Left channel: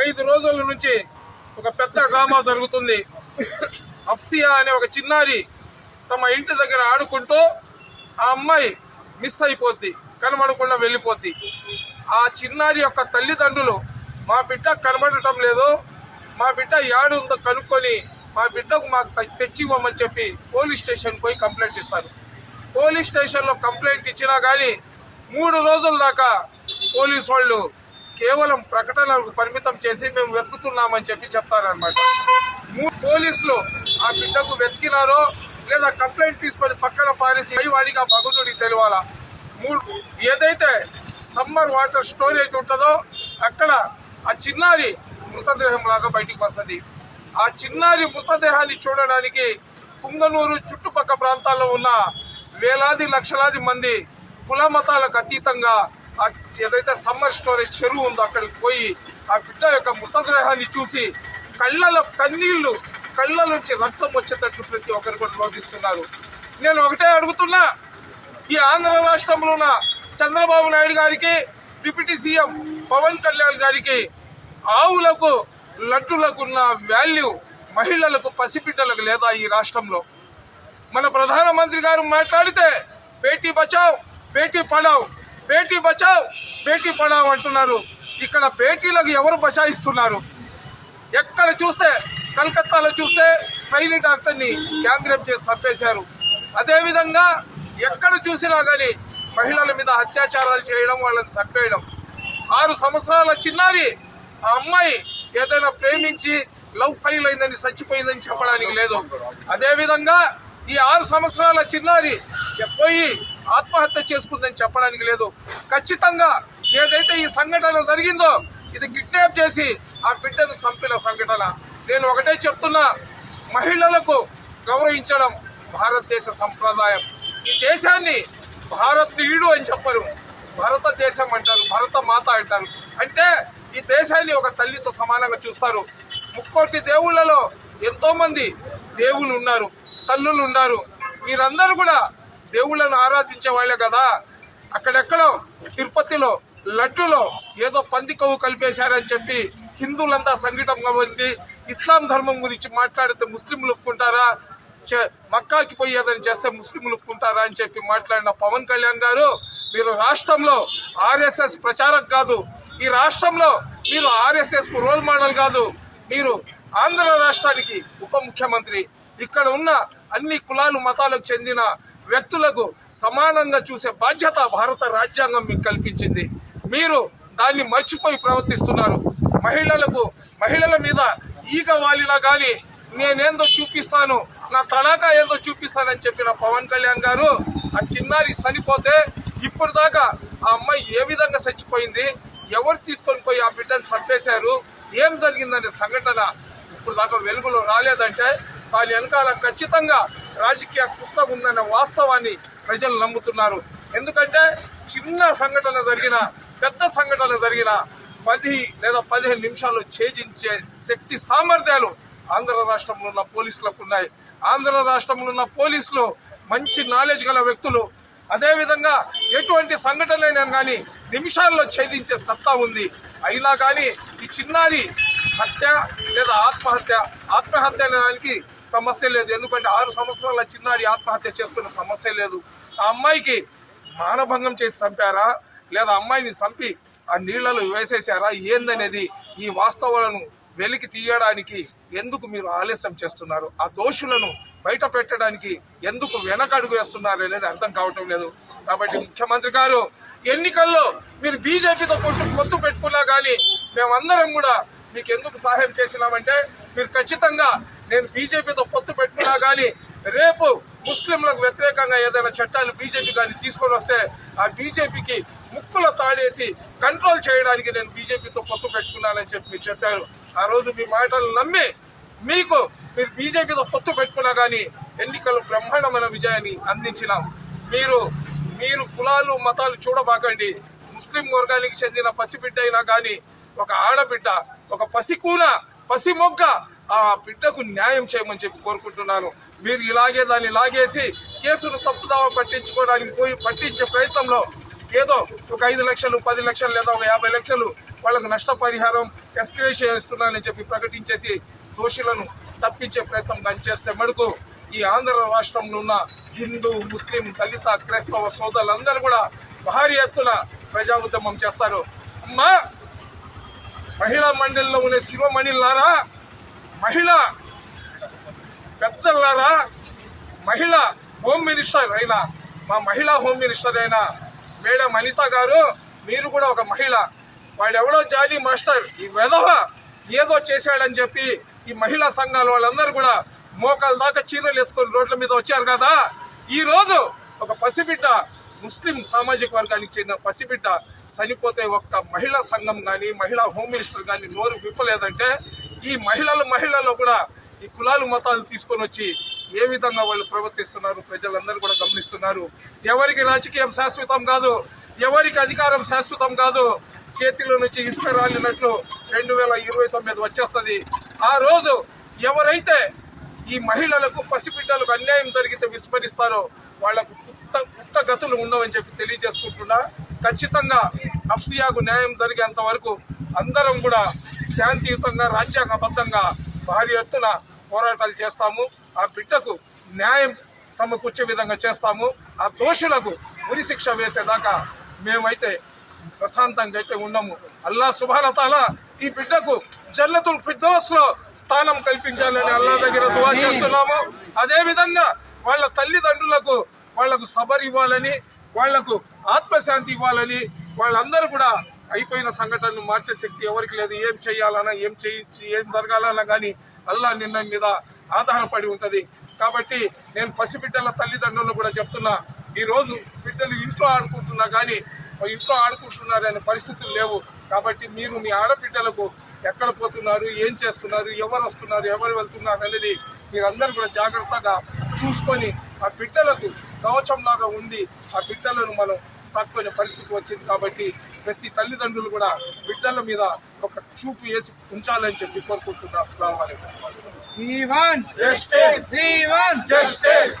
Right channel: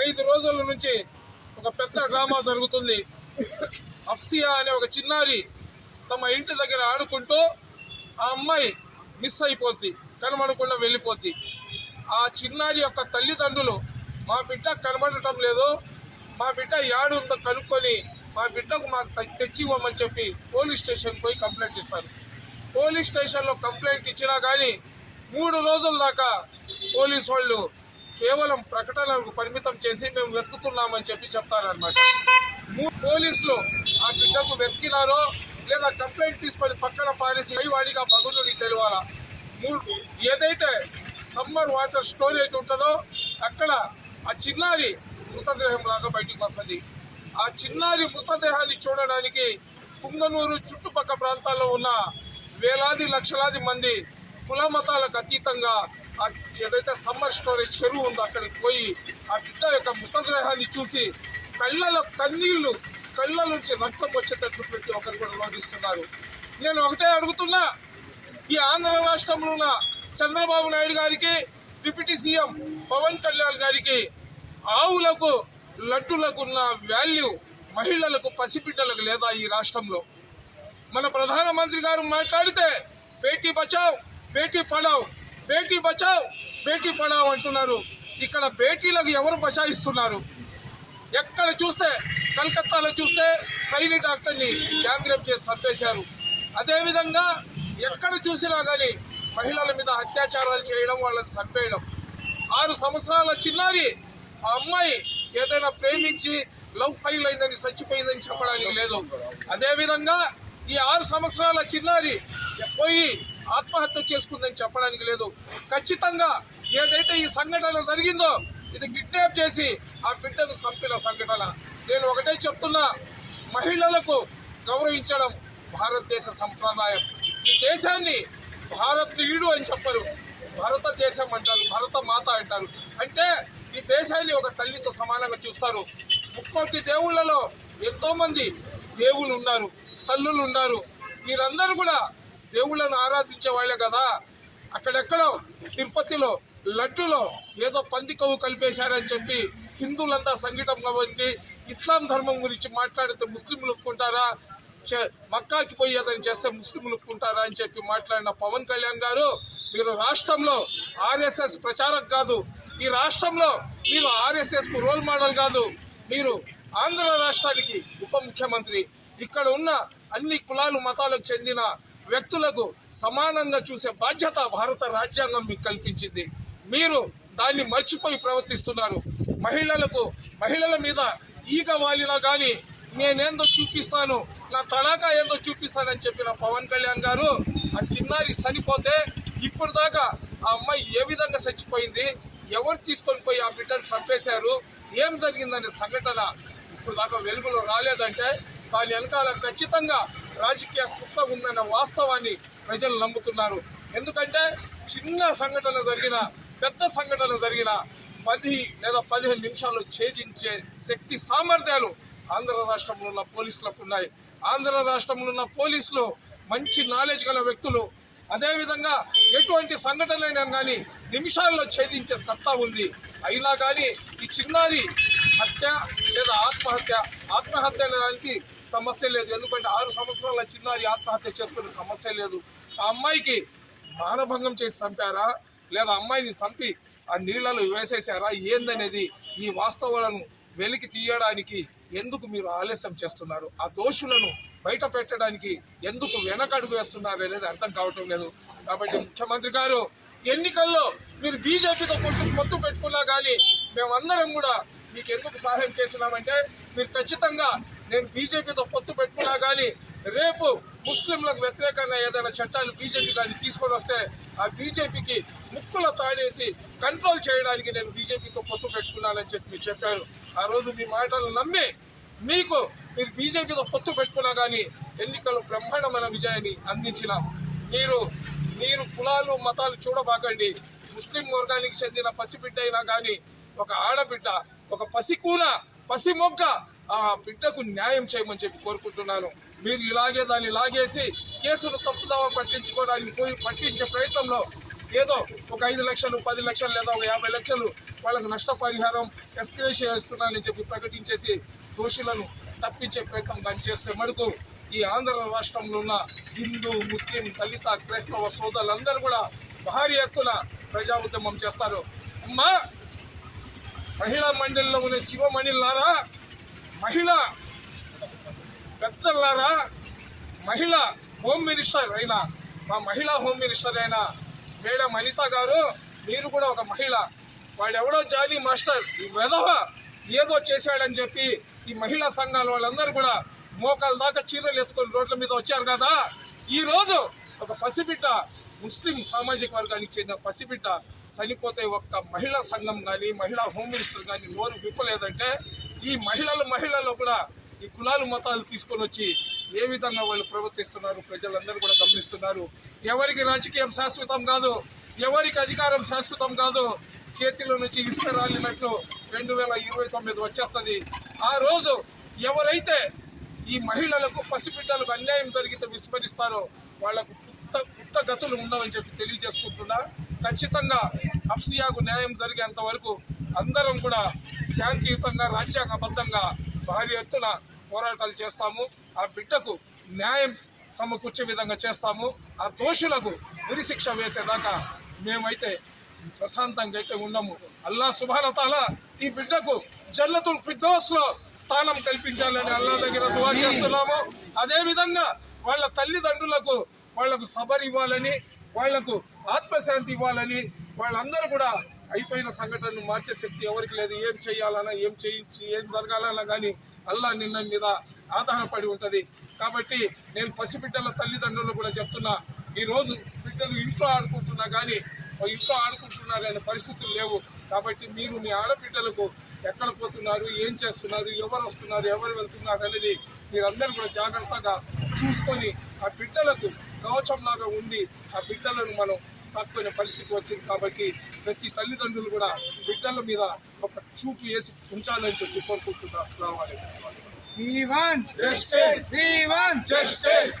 ఐదు రోజుల నుంచి ఒక పెద్ద డ్రామా జరుగుతుంది. అఫ్సియా అనే ఒక చిన్నారి తమ ఇంటి దగ్గర ఆడుకుంటూ ఆ అమ్మాయి మిస్ అయిపోద్ది కనబడకుండా వెళ్ళిపోద్ది. ఆ చిన్నారి యొక్క తల్లిదండ్రులు మా బిడ్డ కనబడటం లేదు మా బిడ్డ యాడు ఉందో కనుక్కొని మా బిడ్డకు మాకు తె- తెచ్చి ఇవ్వమని చెప్పి పోలీస్ స్టేషన్ పోయి కంప్లైంట్ ఇస్తారు. పోలీస్ స్టేషన్లో కంప్లైంట్ ఇచ్చినా కానీ మూడు రోజుల దాకా పోలీస్ వాళ్ళు కేవలం ప్రకటనలకు పరిమితం చేసి మేము వెతుకుతున్నామని చెప్పి చెప్తారనమాట మూడు పోలీసులు ఆ బిడ్డకు వెతికినారో లేదా కంప్లైంట్ తీసుకొని పక్కన పారేసి వాడిగా భగవంతుడికి తెలియాలా? మూడు ఏదైతే సమ్మర్ వాటర్ స్టోరేజ్ ఉంటుందో అక్కడ ఆ చిన్నారి మృతదేహం లాగా బయటికి వస్తుంది. ఆ చిన్నారి మృతదేహాన్ని చూడడానికి కుంగనూరు చుట్టుపక్క ప్రాంతాల్లో ఉన్న వేలాది లక్షలాది మంది కుల మతాలకు అతీతంగా ఏదైతే సమ్మర్ స్టోరేజ్ చెరువు ఉందో అక్కడికి పోయి ఆ బిడ్డ యొక్క మృతదేహాన్ని చూసి కళ్ళలో కన్నీళ్ళు కళ్ళ నుంచి రక్తం వచ్చేటట్టు ప్రతి ఒక్కరు కూడా రోధిస్తున్నారు. నేను ఒకటే అడుగుతున్నా ఈ ఆంధ్ర రాష్ట్రంలో ఉన్న చంద్రబాబు నాయుడు గారికి డిప్యూటీ సీఎం పవన్ కళ్యాణ్ గారికి ఆవులకు లడ్డులకు ఉన్న వాల్యూ మహిళలకు పసిబిడ్డలకు లేదా ఈ రాష్ట్రంలో? ముఖ్యమంత్రి గారు మాట్లాడితే బేటీ బచావ్ బేటీ పడావ్ బేటీ బచావ్ బేటీ పడావ్ అంటున్నారు. ఇక్కడ బేటీలకు ఎవరు బచాయిస్తున్నారు? ఎక్కడ చూస్తే కలకత్తాలో చూస్తే ట్రైనీ డాక్టర్ని గ్యాంగ్ రేప్ చేసి చంపేశారు. అదేవిధంగా ఎక్కడ చూసినా కానీ మహిళల మీద అత్యాచారాలు చేయడం వాళ్ళని చంపేయడం. ఆరు సంవత్సరాల చిన్నారి ఆ అమ్మాయి ఏదైనా ప్రేమించి లవ్ ఫైల్ అయిందని చచ్చిపోయిందని చెప్పడానికి లేదు. అదేవిధంగా ఈ ఆరు సంవత్సరాల చిన్నారి పోయి ఆత్మహత్య చేసుకుందని చెప్పడానికి లేదు. ఖచ్చితంగా ఏదైతే ఈ సంఘటన జరిగిందో ఇది కిడ్నాప్ చేసి ఆ బిడ్డను చంపిన సంఘటన. నేను ఒకటే చెప్తున్నా మహిళలకు గౌరవించడం భారతదేశ సంప్రదాయం. ఈ దేశాన్ని భారతీయుడు అని చెప్పరు. భారతదేశం అంటారు భరత మాత అంటారు. అంటే ఈ దేశాన్ని ఒక తల్లితో సమానంగా చూస్తారు. ముక్కోటి దేవుళ్ళలో ఎంతోమంది దేవులు దేవుళ్ళు ఉన్నారు. తల్లులు ఉన్నారు మీరందరూ కూడా దేవుళ్ళను ఆరాధించే వాళ్ళే కదా. అక్కడెక్కడో తిరుపతిలో లడ్డులో ఏదో పంది కొవ్వు కలిపేశారని చెప్పి హిందువులంతా సంఘటనగా ఉంది. ఇస్లాం ధర్మం గురించి మాట్లాడితే ముస్లింలు ఒప్పుకుంటారా? మక్కాకి పోయేదని చేస్తే ముస్లింలు ఒప్పుకుంటారా అని చెప్పి మాట్లాడిన పవన్ కళ్యాణ్ గారు మీరు రాష్ట్రంలో ఆర్ఎస్ఎస్ ప్రచారక్ కాదు. ఈ రాష్ట్రంలో మీరు ఆర్ఎస్ఎస్కు రోల్ మోడల్ కాదు. మీరు ఆంధ్ర రాష్ట్రానికి ఉప ముఖ్యమంత్రి. ఇక్కడ ఉన్న అన్ని కులాలు మతాలకు చెందిన వ్యక్తులకు సమానంగా చూసే బాధ్యత భారత రాజ్యాంగం మీకు కల్పించింది. మీరు దాన్ని మర్చిపోయి ప్రవర్తిస్తున్నారు. మహిళలకు మహిళల మీద ఈగ వాలిలా కానీ నేనేందో చూపిస్తాను నా తడాకా ఏందో చూపిస్తానని చెప్పిన పవన్ కళ్యాణ్ గారు ఆ చిన్నారి చనిపోతే ఇప్పుడు దాకా ఆ అమ్మాయి ఏ విధంగా చచ్చిపోయింది ఎవరు తీసుకొని పోయి ఆ బిడ్డను చంపేశారు ఏం జరిగిందనే సంఘటన ఇప్పుడు దాకా వెలుగులో రాలేదంటే దాని వెనకాల ఖచ్చితంగా రాజకీయ కుట్ర ఉందన్న వాస్తవాన్ని ప్రజలు నమ్ముతున్నారు. ఎందుకంటే చిన్న సంఘటన జరిగిన పెద్ద సంఘటన జరిగిన పది లేదా పదిహేను నిమిషాల్లో ఛేదించే శక్తి సామర్థ్యాలు ఆంధ్ర రాష్ట్రంలో ఉన్న పోలీసులకు ఉన్నాయి. ఆంధ్ర రాష్ట్రంలో ఉన్న పోలీసులు మంచి నాలెడ్జ్ గల వ్యక్తులు. అదేవిధంగా ఎటువంటి సంఘటనలైనా కానీ నిమిషాల్లో ఛేదించే సత్తా ఉంది. అయినా కానీ ఈ చిన్నారి హత్య లేదా ఆత్మహత్య ఆత్మహత్య అనడానికి సమస్య లేదు. ఎందుకంటే ఆరు సంవత్సరాల చిన్నారి ఆత్మహత్య చేసుకున్న సమస్య లేదు. ఆ అమ్మాయికి మానభంగం చేసి చంపారా? లేదా అమ్మాయిని చంపి ఆ నీళ్ళలో వేసేసారా? ఏందనేది ఈ వాస్తవాలను వెలికి తీయడానికి ఎందుకు మీరు ఆలస్యం చేస్తున్నారు? ఆ దోషులను బయట పెట్టడానికి ఎందుకు వెనకడుగు వేస్తున్నారు అనేది అర్థం కావటం లేదు. కాబట్టి ముఖ్యమంత్రి గారు ఎన్నికల్లో మీరు బీజేపీతో కొట్టు పొత్తు పెట్టుకున్నా కానీ మేమందరం కూడా మీకు ఎందుకు సహాయం చేసినామంటే మీరు ఖచ్చితంగా నేను బీజేపీతో పొత్తు పెట్టుకున్నా కానీ రేపు ముస్లింలకు వ్యతిరేకంగా ఏదైనా చట్టాలు బీజేపీ కానీ తీసుకొని వస్తే ఆ బీజేపీకి ముక్కుల తాడేసి కంట్రోల్ చేయడానికి నేను బీజేపీతో పొత్తు పెట్టుకున్నానని చెప్పి మీరు చెప్పారు. ఆ రోజు మీ మాటలు నమ్మి మీకు మీరు బీజేపీతో పొత్తు పెట్టుకున్నా కానీ ఎన్నికలు బ్రహ్మాండమైన విజయాన్ని అందించినాం. మీరు మీరు కులాలు మతాలు చూడబాకండి. ముస్లిం వర్గానికి చెందిన పసిబిడ్డ అయినా కానీ ఒక ఆడబిడ్డ ఒక పసికూన పసి మొగ్గ ఆ బిడ్డకు న్యాయం చేయమని చెప్పి కోరుకుంటున్నాను. మీరు ఇలాగే దాన్ని లాగేసి కేసును తప్పుదావ పట్టించుకోవడానికి పోయి పట్టించే ప్రయత్నంలో ఏదో ఒక ఐదు లక్షలు పది లక్షలు లేదా ఒక యాభై లక్షలు వాళ్ళకు నష్టపరిహారం ఎస్క్రేషియా చేస్తున్నానని చెప్పి ప్రకటించేసి దోషులను తప్పించే ప్రయత్నం పనిచేస్తే మడుకు ఈ ఆంధ్ర రాష్ట్రంలో ఉన్న హిందూ ముస్లిం దళిత క్రైస్తవ సోదరులందరూ కూడా భారీ ఎత్తున ప్రజా ఉద్యమం చేస్తారు. అమ్మా! మహిళా మండలిలో ఉన్న శివమణిలారా మహిళ పెద్దలారా మహిళ హోమ్ మినిస్టర్ అయిన మా మహిళా హోమ్ మినిస్టర్ అయిన మేడం అనిత గారు మీరు కూడా ఒక మహిళ. వాడెవడో జాలీ మాస్టర్ ఈ వెధవ ఏదో చేశాడని చెప్పి ఈ మహిళా సంఘాల వాళ్ళందరూ కూడా మోకాల దాకా చీరలు ఎత్తుకొని రోడ్ల మీద వచ్చారు కదా. ఈరోజు ఒక పసిబిడ్డ ముస్లిం సామాజిక వర్గానికి చెందిన పసిబిడ్డ చనిపోతే ఒక్క మహిళా సంఘం కానీ మహిళా హోమ్ మినిస్టర్ కానీ నోరు విప్పలేదంటే ఈ మహిళలు మహిళల్లో కూడా ఈ కులాలు మతాలు తీసుకొని వచ్చి ఏ విధంగా వాళ్ళు ప్రవర్తిస్తున్నారు ప్రజలందరూ కూడా గమనిస్తున్నారు. ఎవరికి రాజకీయం శాశ్వతం కాదు ఎవరికి అధికారం శాశ్వతం కాదు చేతిలో నుంచి ఇసుక రాలినట్లు రెండు వేల ఇరవై తొమ్మిది వచ్చేస్తుంది. ఆ రోజు ఎవరైతే ఈ మహిళలకు పసిబిడ్డలకు అన్యాయం జరిగితే విస్మరిస్తారో వాళ్ళకు పుట్ట పుట్టగతులు ఉండవని చెప్పి తెలియజేసుకుంటున్నా. ఖచ్చితంగా అఫ్సియాకు న్యాయం జరిగేంత వరకు అందరం కూడా శాంతియుతంగా రాజ్యాంగబద్ధంగా భారీ ఎత్తున పోరాటాలు చేస్తాము. ఆ బిడ్డకు న్యాయం సమకూర్చే విధంగా చేస్తాము. ఆ దోషులకు ఉరి శిక్ష వేసేదాకా మేమైతే ప్రశాంతంగా అయితే ఉన్నాము. అల్లా సుభానతాల ఈ బిడ్డకు జల్లతుల్ ఫిర్దోస్లో స్థానం కల్పించాలని అల్లా దగ్గర దువా చేస్తున్నాము. అదే విధంగా వాళ్ళ తల్లిదండ్రులకు వాళ్ళకు సబర్ ఇవ్వాలని వాళ్ళకు ఆత్మశాంతి ఇవ్వాలని వాళ్ళందరూ కూడా అయిపోయిన సంఘటనను మార్చే శక్తి ఎవరికి లేదు. ఏం చేయాలన్నా ఏం చేయించి ఏం జరగాలన్నా కానీ అల్లా నిర్ణయం మీద ఆధారపడి ఉంటుంది. కాబట్టి నేను పసిబిడ్డల తల్లిదండ్రులు కూడా చెప్తున్నా ఈరోజు బిడ్డలు ఇంట్లో ఆడుకుంటున్నా కానీ ఇంట్లో ఆడుకుంటున్నారనే పరిస్థితులు లేవు. కాబట్టి మీరు మీ ఆడబిడ్డలకు ఎక్కడ పోతున్నారు ఏం చేస్తున్నారు ఎవరు వస్తున్నారు ఎవరు వెళ్తున్నారు అనేది మీరందరూ కూడా జాగ్రత్తగా చూసుకొని ఆ బిడ్డలకు కవచంలాగా ఉండి ఆ బిడ్డలను మనం సాక్కునే పరిస్థితి వచ్చింది కాబట్టి ప్రతి తల్లిదండ్రులు కూడా బిడ్డల మీద ఒక చూపు వేసి ఉంచాలని చెప్పి కోరుకుంటున్నా అస్సలం We want justice We want justice